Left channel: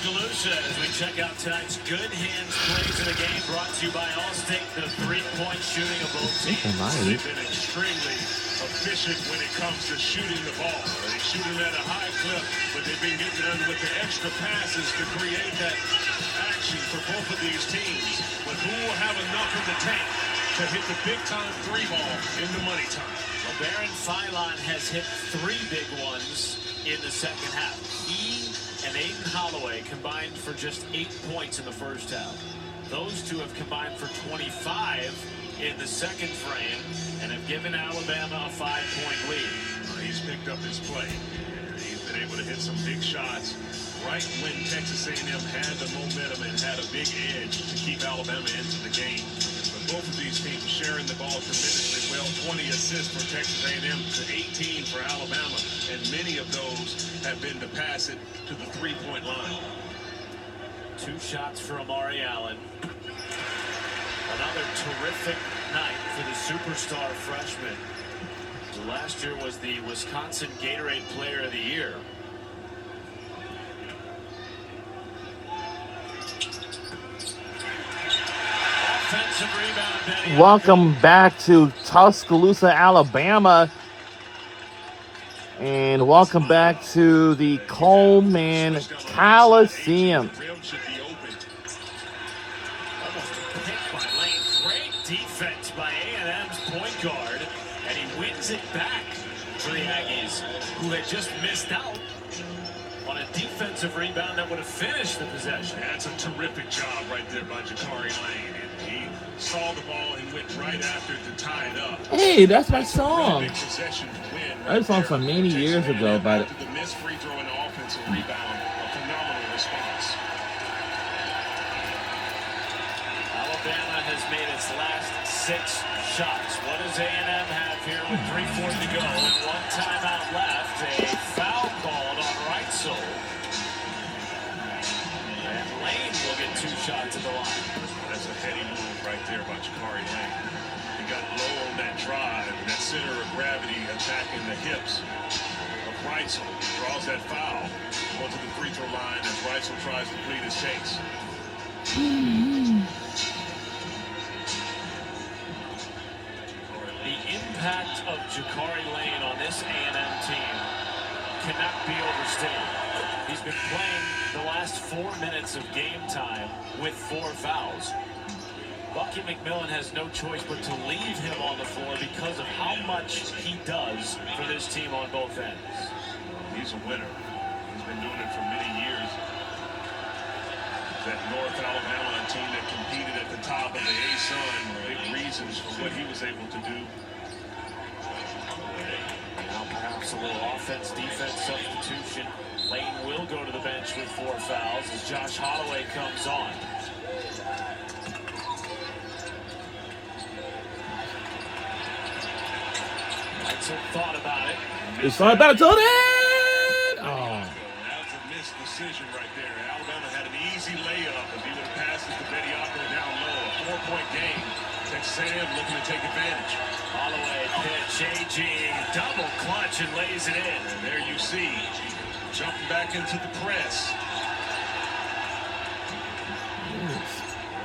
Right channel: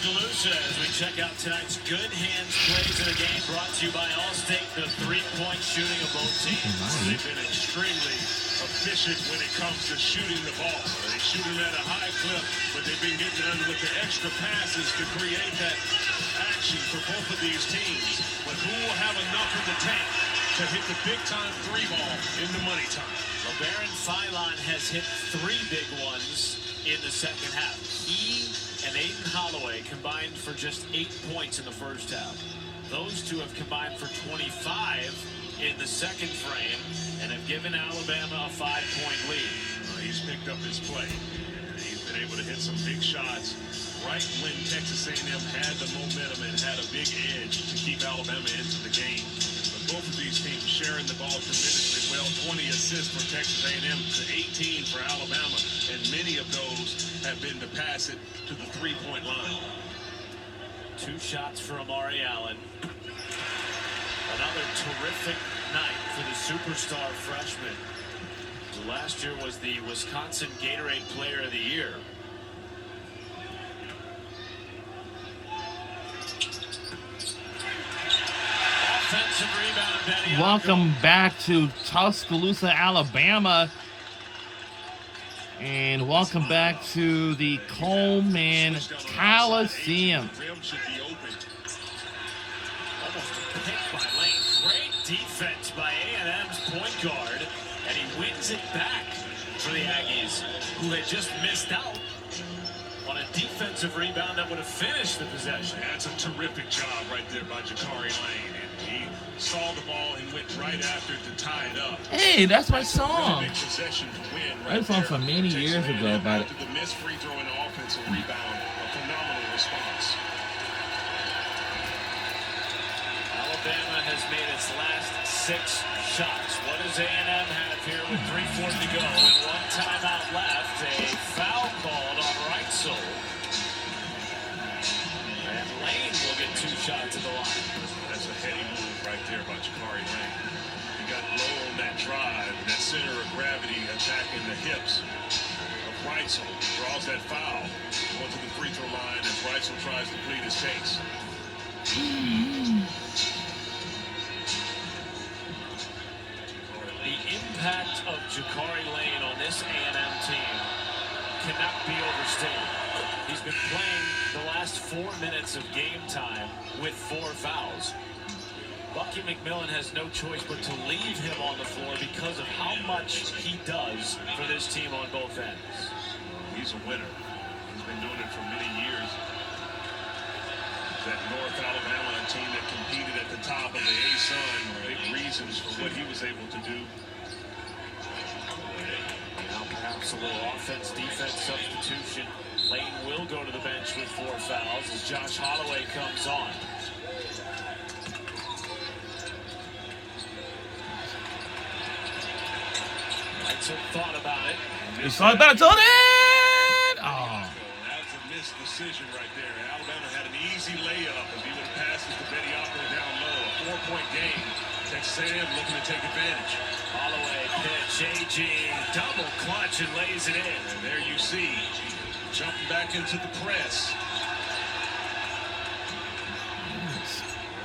Tuscaloosa as we check out tonight's good hands plays of the game, brought to you by Allstate, the three-point shooting of both teams. They've been extremely efficient when it comes to shooting the ball. They shoot it at a high clip, but they've been getting under with the extra passes to create that action for both of these teams. But who will have enough in the tank to hit the big-time three ball in the money time? LeBaron Philon has hit 3 big ones in the second half. He and Aiden Holloway combined for just 8 points in the first half. Those two have combined for 25 in the second frame and have given Alabama a 5-point lead. He's picked up his play. He's been able to hit some big shots right when Texas A&M had the momentum and had a big edge to keep Alabama into the game. But both of these teams sharing the ball tremendously well. 20 assists for Texas A&M to 18 for Alabama, and many of those have been to pass it to the three-point line. 2 shots for Amari Allen. Another terrific night for the superstar freshman, who last year was the Wisconsin Gatorade Player of the Year. Offensive rebound, Benny. Welcome back to Tuscaloosa, Alabama. And welcome back to the Coleman Coliseum. Almost picked by Lane. Great defense by A&M's point guard, and he wins it back for the Aggies, who had just missed out on a defensive rebound that would have finished the possession. That's a terrific job right there by Jakari Lane. And he saw the ball and went right after it to tie it up. Hey, that's my song. Big possession win right That song there. from many years ago, but After the missed free throw and offensive rebound, a phenomenal response. Alabama has made its last 6 shots. What does A&M have here with 3:40 to go and 1 timeout left? A foul called on Reitzel. And Lane will get 2 shots at the line. That's a heady move right there by Jakari Lane. He got low on that drive, that center of gravity attacking the hips of Reitzel. Draws that foul. Going to the free throw line as Reitzel tries to plead his case. The impact of Jakari Lane on this A&M team cannot be overstated. He's been playing the last 4 minutes of game time with 4 fouls. Bucky McMillan has no choice but to leave him on the floor because of how much he does for this team on both ends. He's a winner. He's been doing it for many years. That North Alabama team that competed at the top of the A-Sun, big reasons for what he was able to do. Now perhaps a little offense-defense substitution. Lane will go to the bench with 4 fouls as Josh Holloway comes on. Reitzel thought about it. it's all about till then. Oh. That's a missed decision right there. Alabama had an easy layup if he would have passed it to Bediako down low. A 4-point game. Texas A&M looking to take advantage. Holloway pitch, AG double clutch and lays it in. And there you see, jumping back into the press.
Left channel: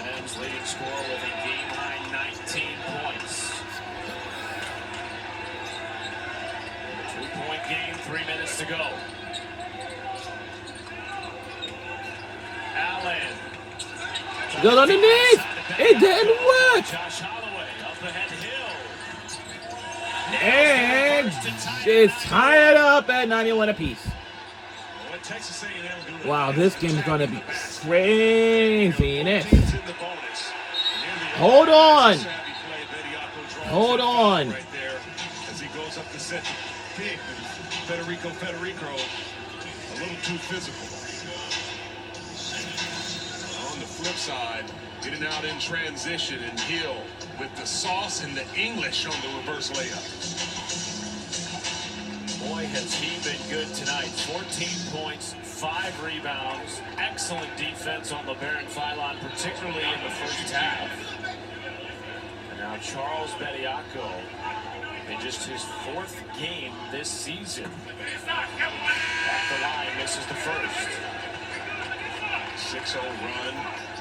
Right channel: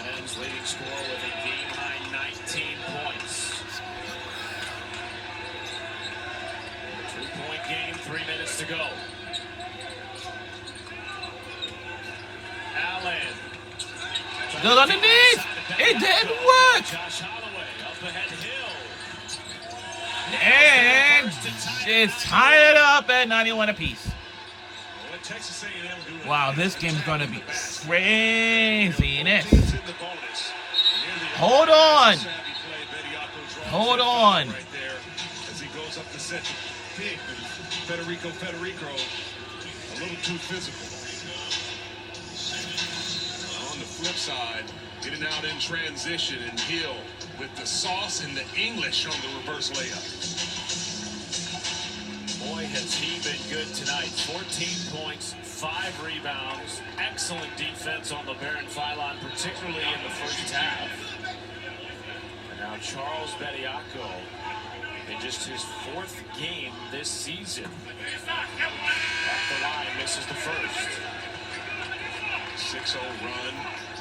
A&M's leading scorer with a game-high 19 points. 2-point game, 3 minutes to go. Allen. Good underneath. It didn't work. Josh Holloway up ahead And it's tied up at 91 apiece. What Texas A&M doing? Wow, this game's going to be craziness. Hold on. Hold on. Right there as he goes up to set the pick. Federico, a little too physical. On the flip side, getting out in transition and Hill with the sauce and the English on the reverse layup. Boy, has he been good tonight. 14 points, 5 rebounds, excellent defense on LeBaron Philon, particularly in the first half. And now Charles Bediako in just his 4th game this season. At the line, misses the first. 6-0 run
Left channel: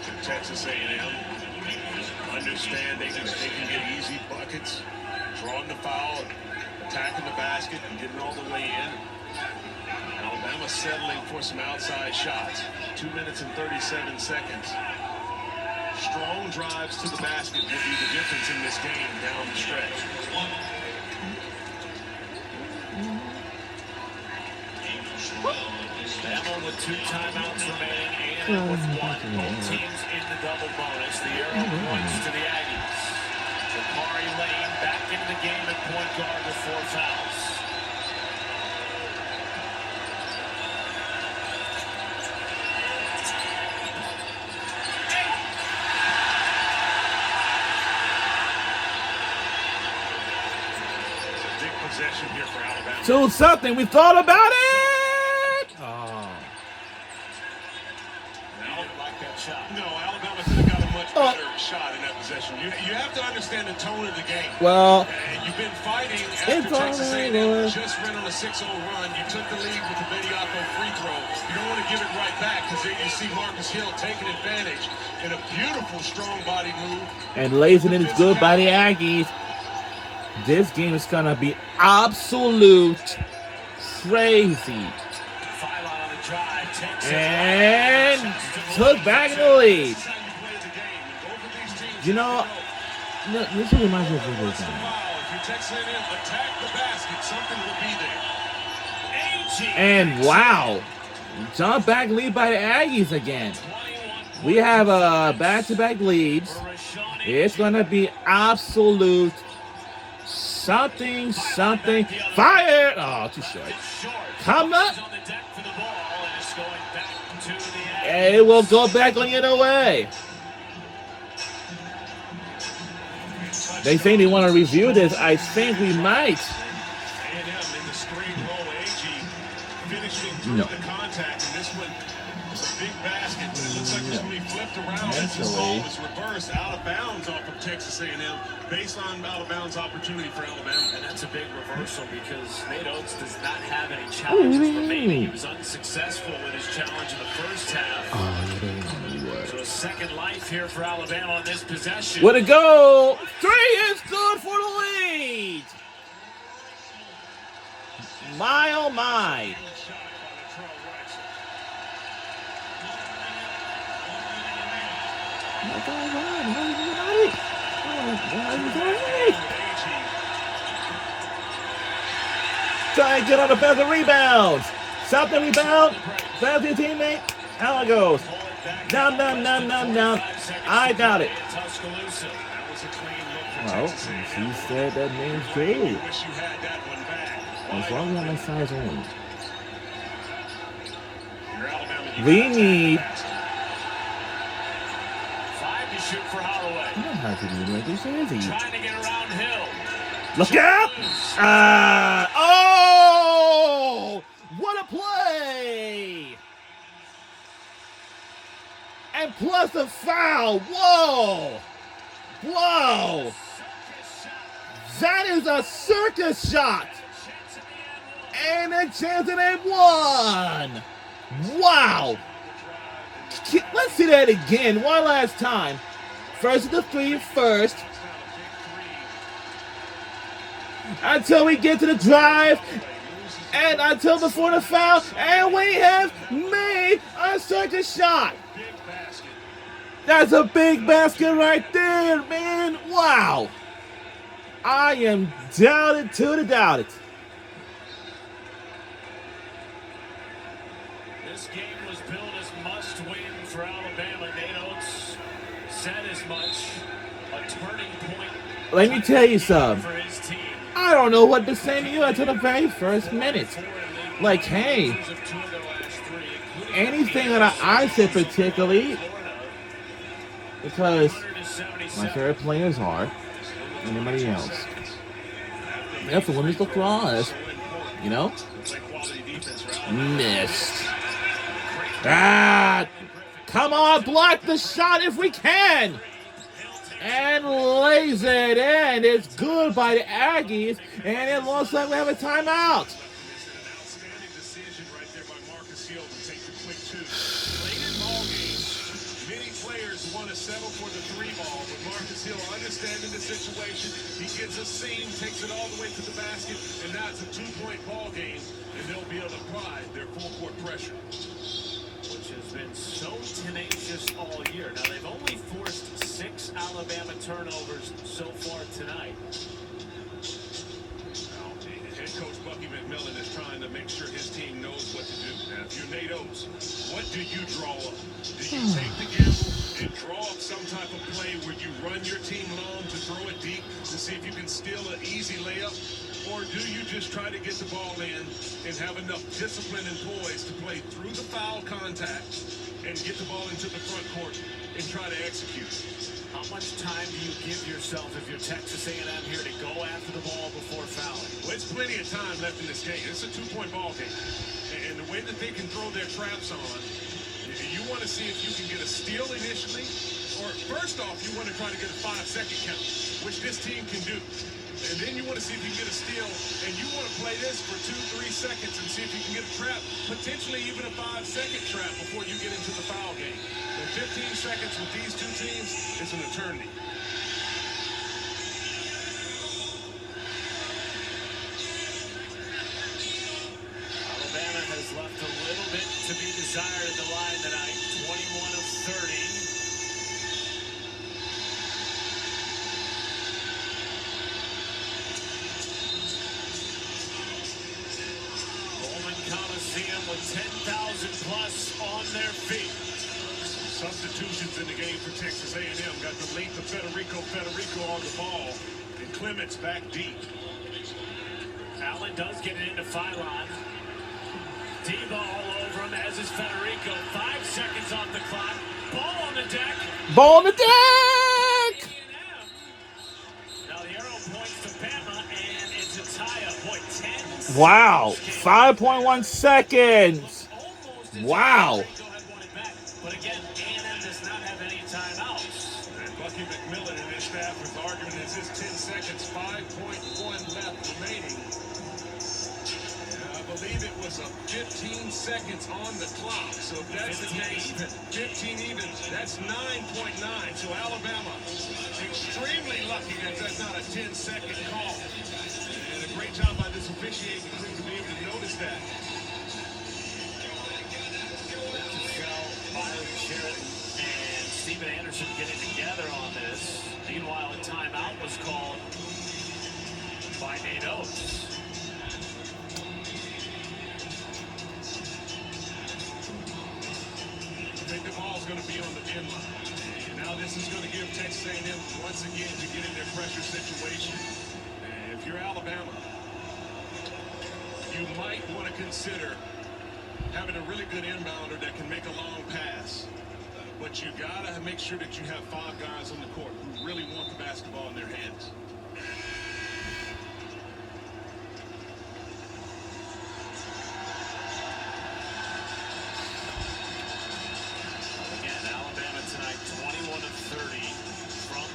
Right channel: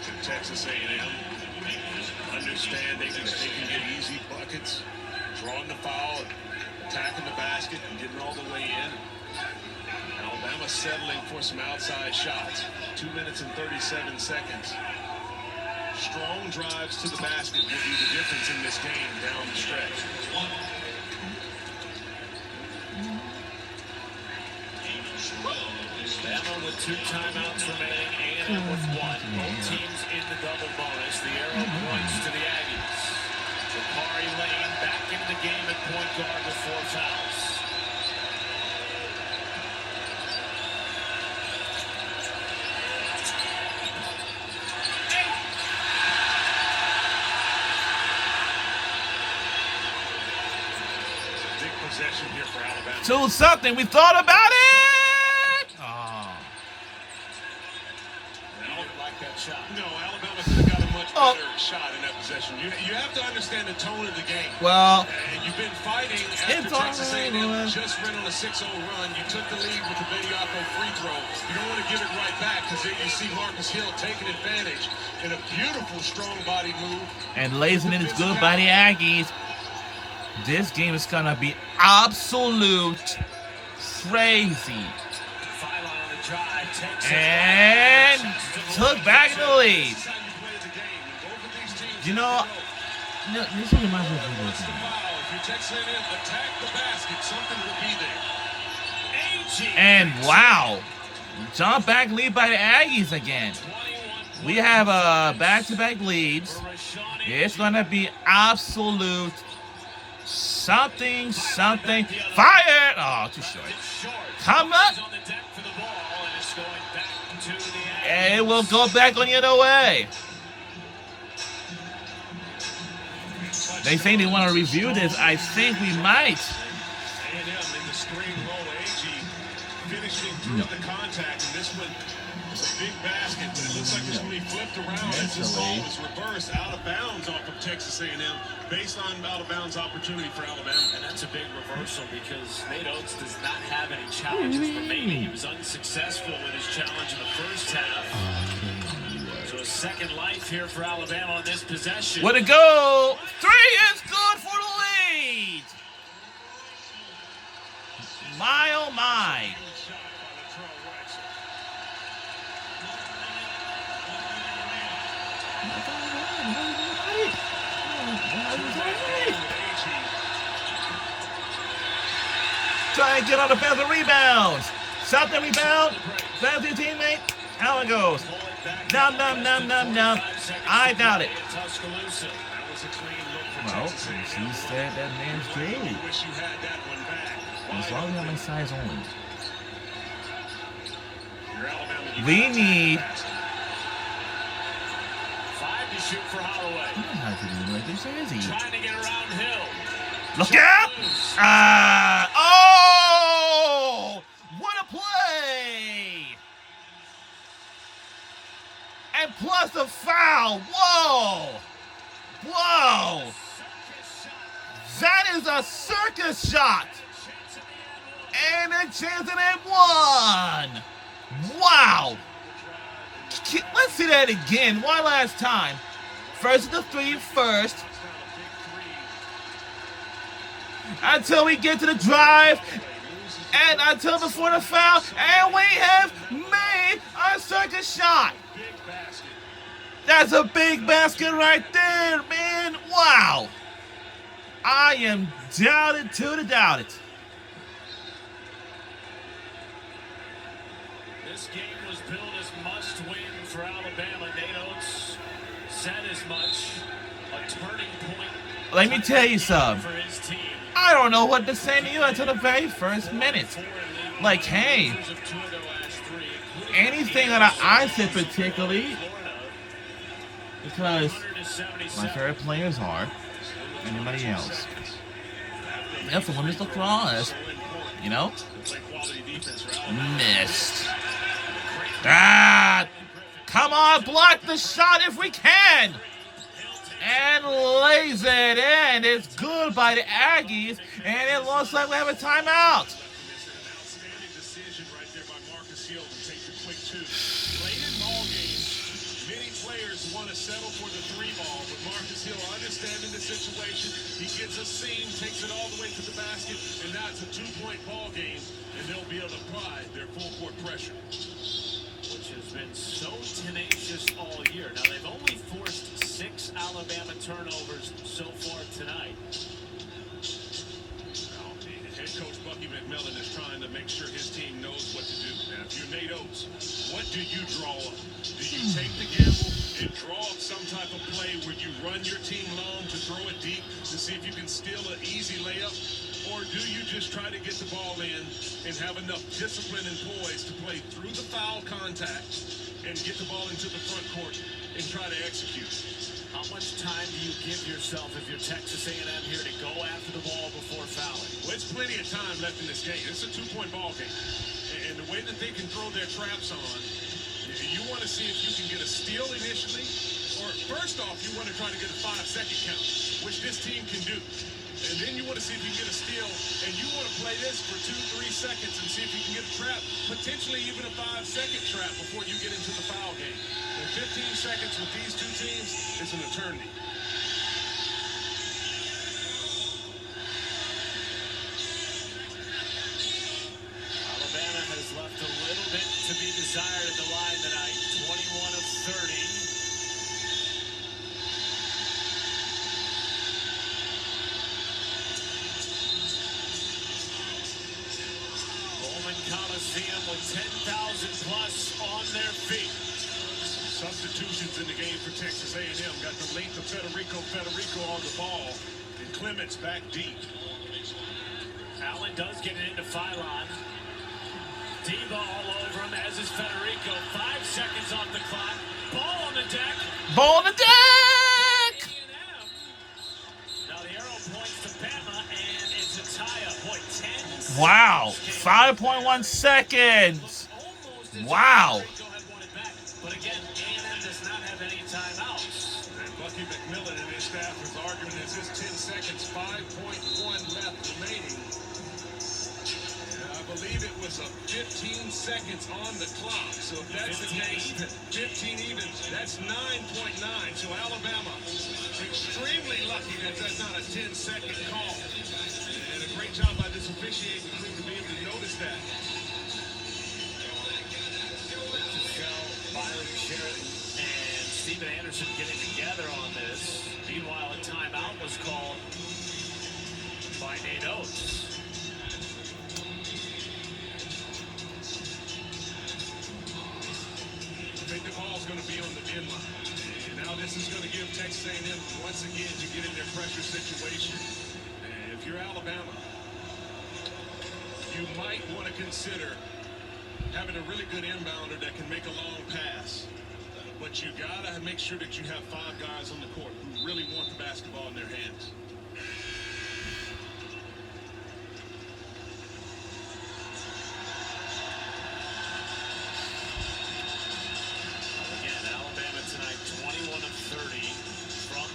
to Texas A&M. Understanding that they can get easy buckets, drawing the foul, attacking the basket, and getting all the way in. Alabama settling for some outside shots. 2 minutes and 37 seconds. Strong drives to the basket will be the difference in this game down the stretch. Bama with 2 timeouts remaining, A&M with 1. Both teams in the double bonus. The arrow points to the Aggies. Ja'Cory Lane back into the game at point guard with 4 fouls. Big possession here for Alabama. 2-0. We thought about it. No, Alabama could have got a much better shot in that possession. You have to understand the tone of the game. Well, and you've been fighting after Texas A&M just ran on a 6-0 run. You took the lead with the Bediako free throw. You don't want to give it right back because there you see Marcus Hill taking advantage in a beautiful, strong-body move. And lacing it is good by the Aggies. This game is going to be absolute crazy. And took back the lead. You know, this reminds me of this game. And wow, jump back lead by the Aggies again. We have back-to-back leads. It's going to be absolute something. Fire! Oh, too short. Come up. And it will go back on the other way. They say they want to review this. I think we might. A&M in the screen roll. Agee finishing through the contact, and this one is a big basket, but it looks like it's going to be flipped around as this ball is reversed out of bounds off of Texas A&M, based on out of bounds opportunity for Alabama. And that's a big reversal because Nate Oates does not have any challenges remaining. He was unsuccessful in his challenge in the first half. So a second life here for Alabama on this possession. Way to go! 3 is good for the lead! My oh my. Try and get on the better rebounds. Stop the rebound. Grab your teammate. How it goes. Nom. I got it. Well, she said that man's true. As long as my size on. We need 5 to shoot for Holloway. You know how to do like this, is he? Trying to get around Hill. Look out! Oh! What a play! And plus a foul. Whoa! That is a circus shot. And a chance at it one. Wow. Let's see that again. One last time. First the 3 first. Until we get to the drive. And until before the foul. And we have made a circus shot. That's a big basket right there, man. Wow. I am doubted to the doubted. This game was billed as must-win for Alabama. Nate Oates said as much. A turning point. Let me tell you something. For his team. I don't know what to say to you until the very first minute. Like, hey, anything that I said particularly, because my favorite players are anybody else. That's the one who's the flaws, you know? Missed. Come on, block the shot if we can. And lays it in. It's good by the Aggies, and it looks like we have a timeout. want to settle for the 3 ball, but Marcus Hill, understanding the situation, he gets a seam, takes it all the way to the basket, and now it's a 2-point ball game, and they'll be able to apply their full-court pressure. Which has been so tenacious all year. Now, they've only forced 6 Alabama turnovers so far tonight. Now, head coach Bucky McMillan is trying to make sure his team knows what to do. Now, if you're Nate Oates, what do you draw up? Do you take the gamble and draw up some type of play where you run your team long to throw it deep to see if you can steal an easy layup? Or do you just try to get the ball in and have enough discipline and poise to play through the foul contact and get the ball into the front court and try to execute? How much time do you give yourself if you're Texas A&M here to go after the ball before fouling? Well, it's plenty of time left in this game. It's a 2-point ball game. And the way that they can throw their traps on, you want to see if you can get a steal initially, or first off, you want to try to get a 5-second count, which this team can do. And then you want to see if you can get a steal, and you want to play this for 2-3 seconds and see if you can get a trap, potentially even a 5-second trap before you get into the foul game. And 15 seconds with these two teams is an eternity. Alabama has left a little bit to be desired at the line tonight. 21 of 30. Coliseum with 10,000 plus on their feet. Substitutions in the game for Texas A&M. Got the length of Federico on the ball, and Clements back deep. Allen does get it into Phylon. D-ball all over him, as is Federico. 5 seconds off the clock. Ball on the deck. Ball on the deck! Now the arrow points to Bama, and it's a tie-up. Boy, 10 Wow, 5.1 seconds. Wow. But again, A&M does not have any timeouts. And Bucky McMillan and his staff is arguing it's just 10 seconds, 5.1 left remaining. And I believe it was a 15 seconds on the clock. So if that's the case, 15 even, that's 9.9. So Alabama, extremely lucky that that's not a 10-second call. And a great job by this officiating crew to be able to notice that. And Steven Anderson getting together on this. Meanwhile, a timeout was called by Nate Oates. I think the ball's going to be on the end line. And now this is going to give Texas A&M once again to get in their pressure situation. And if you're Alabama, you might want to consider having a really good inbounder that can make a long pass. But you got to make sure that you have 5 guys on the court who really want the basketball in their hands. Again, Alabama tonight, 21 of 30 from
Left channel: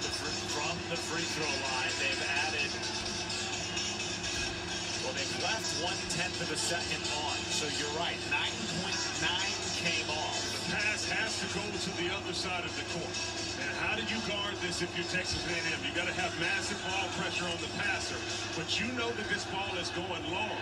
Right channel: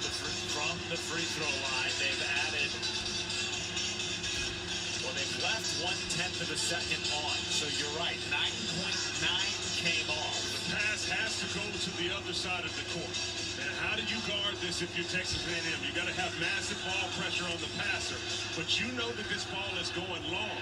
the free throw line. They've added, well, they've left 1/10 of a second on. So you're right, 9.9 came off. The pass has to go to the other side of the court. And how do you guard this if you're Texas A&M? You got to have massive ball pressure on the passer, but you know that this ball is going long.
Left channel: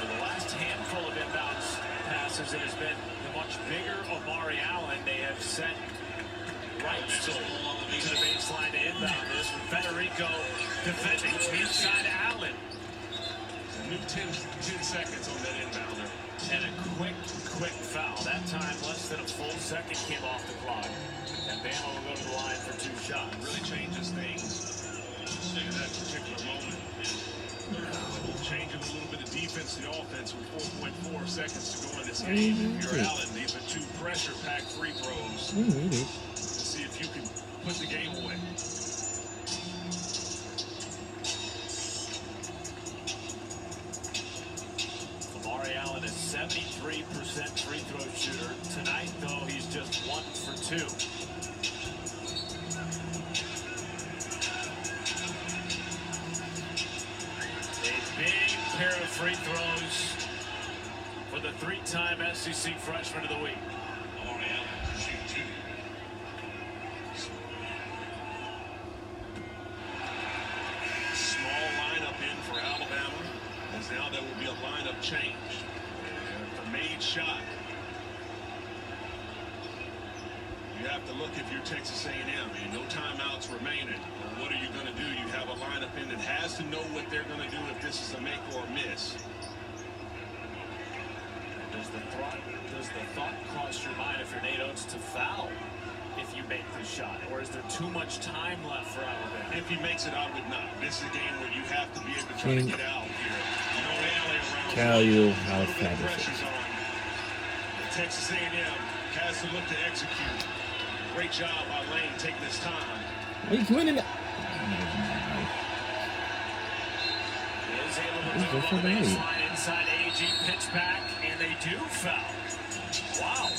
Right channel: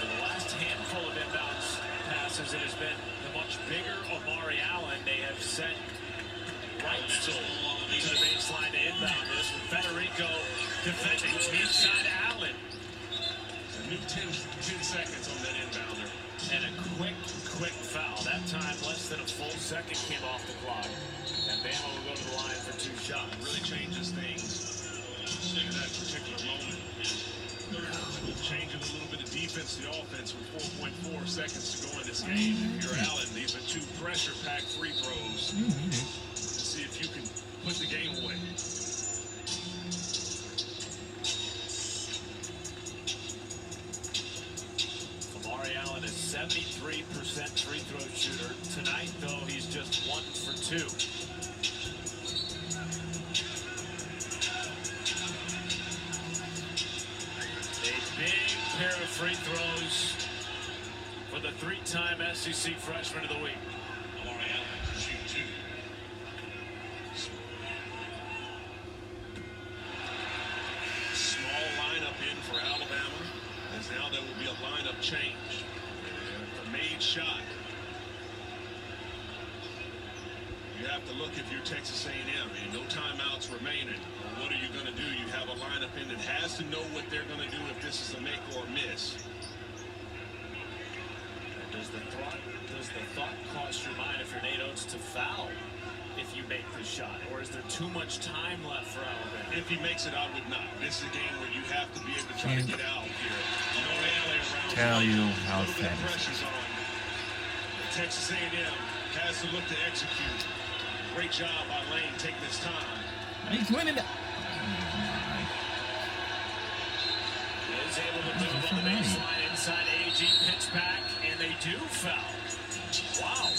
For the last handful of inbounds passes, it has been the much bigger Omari Allen. They have sent right to the baseline to inbound this with Federico defending inside Allen. A new 10 seconds on that inbounder. And a quick foul. That time, less than a full second came off the clock. And Bama will go to the line for 2 shots. Really changes things in that particular moment. Changing a little bit of defense to offense with 4.4 seconds to go in this game. If you're Allen, these are 2 pressure-packed free throws to see if you can put the game away. Omari Allen is 73% free throw shooter. Tonight, though, he's just 1 for 2. A big pair of free throws for the the three-time SEC Freshman of the Week. Small lineup in for Alabama, as now there will be a lineup change. A made shot. You have to look if you're Texas A&M, and no timeouts remaining. Well, what are you going to do? You have a lineup in that has to know what they're going to do if this is a make or miss. Does the thought cross your mind if you're Nate Oates to foul if you make the shot? Or is there too much time left for Alabama? If he makes it, I would not. This is a game where you have to be able to try to get out here. No alley around. Tell you how a little bit of pressure's on. But Texas A&M has to look to execute. Great job by Lane taking his time. He's winning. Is able to move on the baseline inside AG, pitch back, and they do foul. Wow.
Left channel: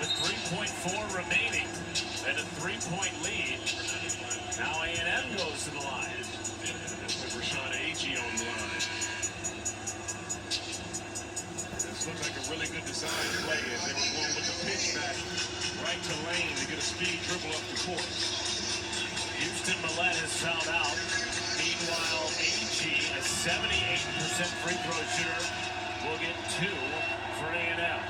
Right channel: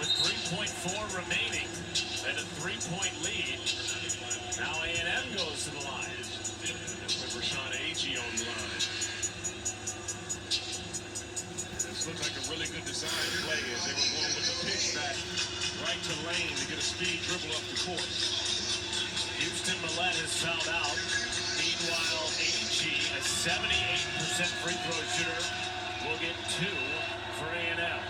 With 3.4 remaining and a 3-point lead, now A&M goes to the line. With Rashawn AG on the line. This looked like a really good design play as they were going with the pitch back right to Lane to get a speed dribble up the court. Houston Millett has fouled out. Meanwhile, AG, a 78% free throw shooter, will get 2 for A&M.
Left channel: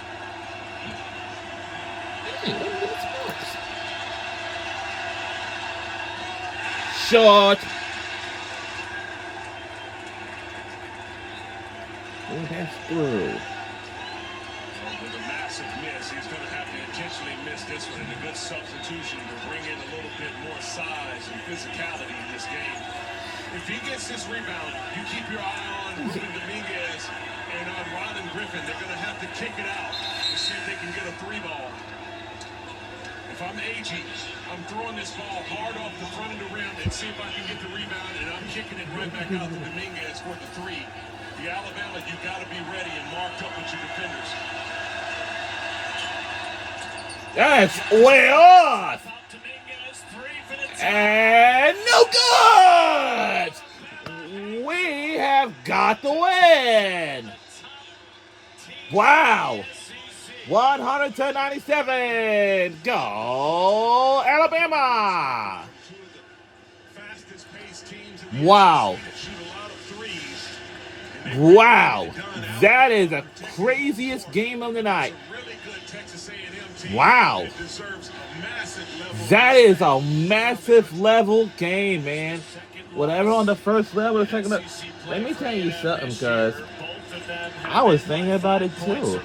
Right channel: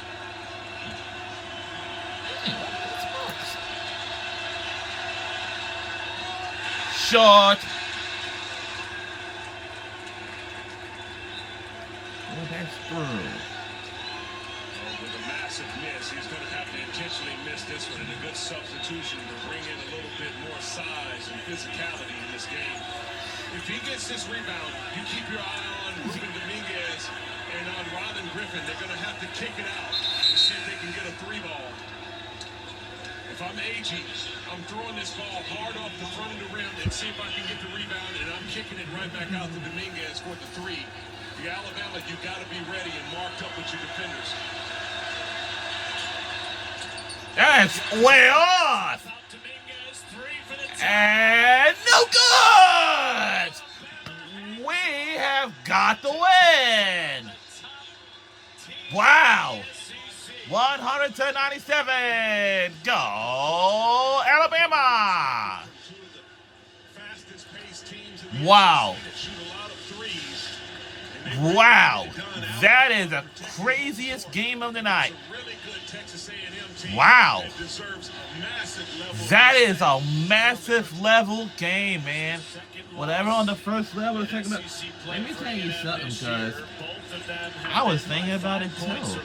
Short. Oh, that's good. With a massive miss, he's going to have to intentionally miss this one, and a good substitution to bring in a little bit more size and physicality in this game. If he gets this rebound, you keep your eye on Ruben Dominguez and on Rylan Griffin. They're going to have to kick it out to see if they can get a 3-ball. If I'm AG, I'm throwing this ball hard off the front of the rim and see if I can get the rebound, and I'm kicking it right back out to Dominguez for the 3. The Alabama, you've got to be ready and marked up with your defenders. That's way off. And no good. We have got the win. Wow. 100-97. Go Alabama. Wow. Wow. That is the craziest game of the night. Wow. That is a massive level game, man. Whatever on the first level, second level. Let me tell you something, because I was thinking about it too.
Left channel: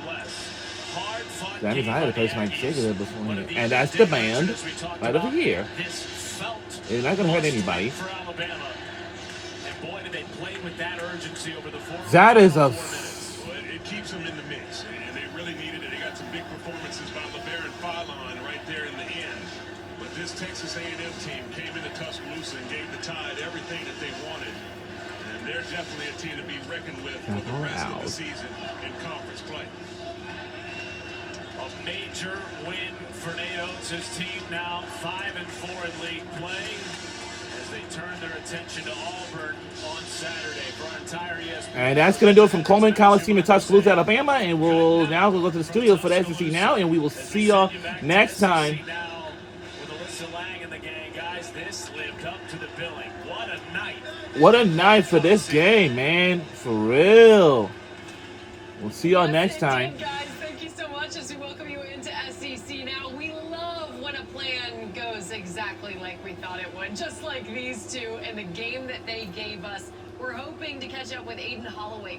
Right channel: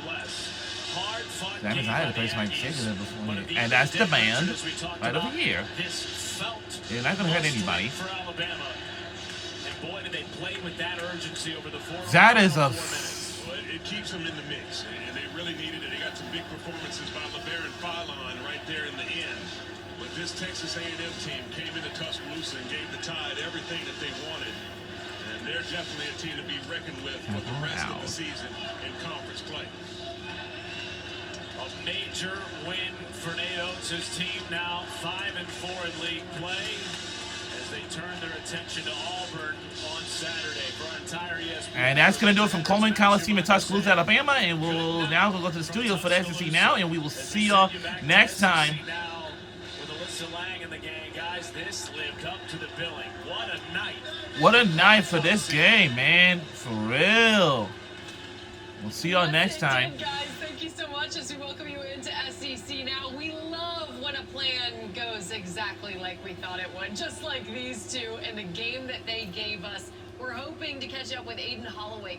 That means I had to play some cigarette before, and that's the band right over here. It's not going to hurt anybody. That is a... It keeps them in the mix, and they really needed it. They got some big performances by LeBaron Philon right there in the end. But this Texas A&M team came into Tuscaloosa and gave the Tide everything that they wanted. And they're definitely a team to be reckoned with for the rest of the season in conference play. A major win for Nate Oates' team, now 5-4 in league play, as they turn their attention to Auburn on Saturday for our entire ESPN. And that's going to do it from Coleman College team in Tuscaloosa, Alabama. And we'll now go to the studio for the SEC Now, and we will see y'all next time. With Alyssa Lang and the gang, guys, this lived up to the billing. What a night. What a night for this game, man. For real. We'll see y'all next time. Guys, thank you so much as we welcome you into SEC Now. We love when a plan goes exactly like we thought it would, just like these two in the game that they gave us. We're hoping to catch up with Aiden Holloway.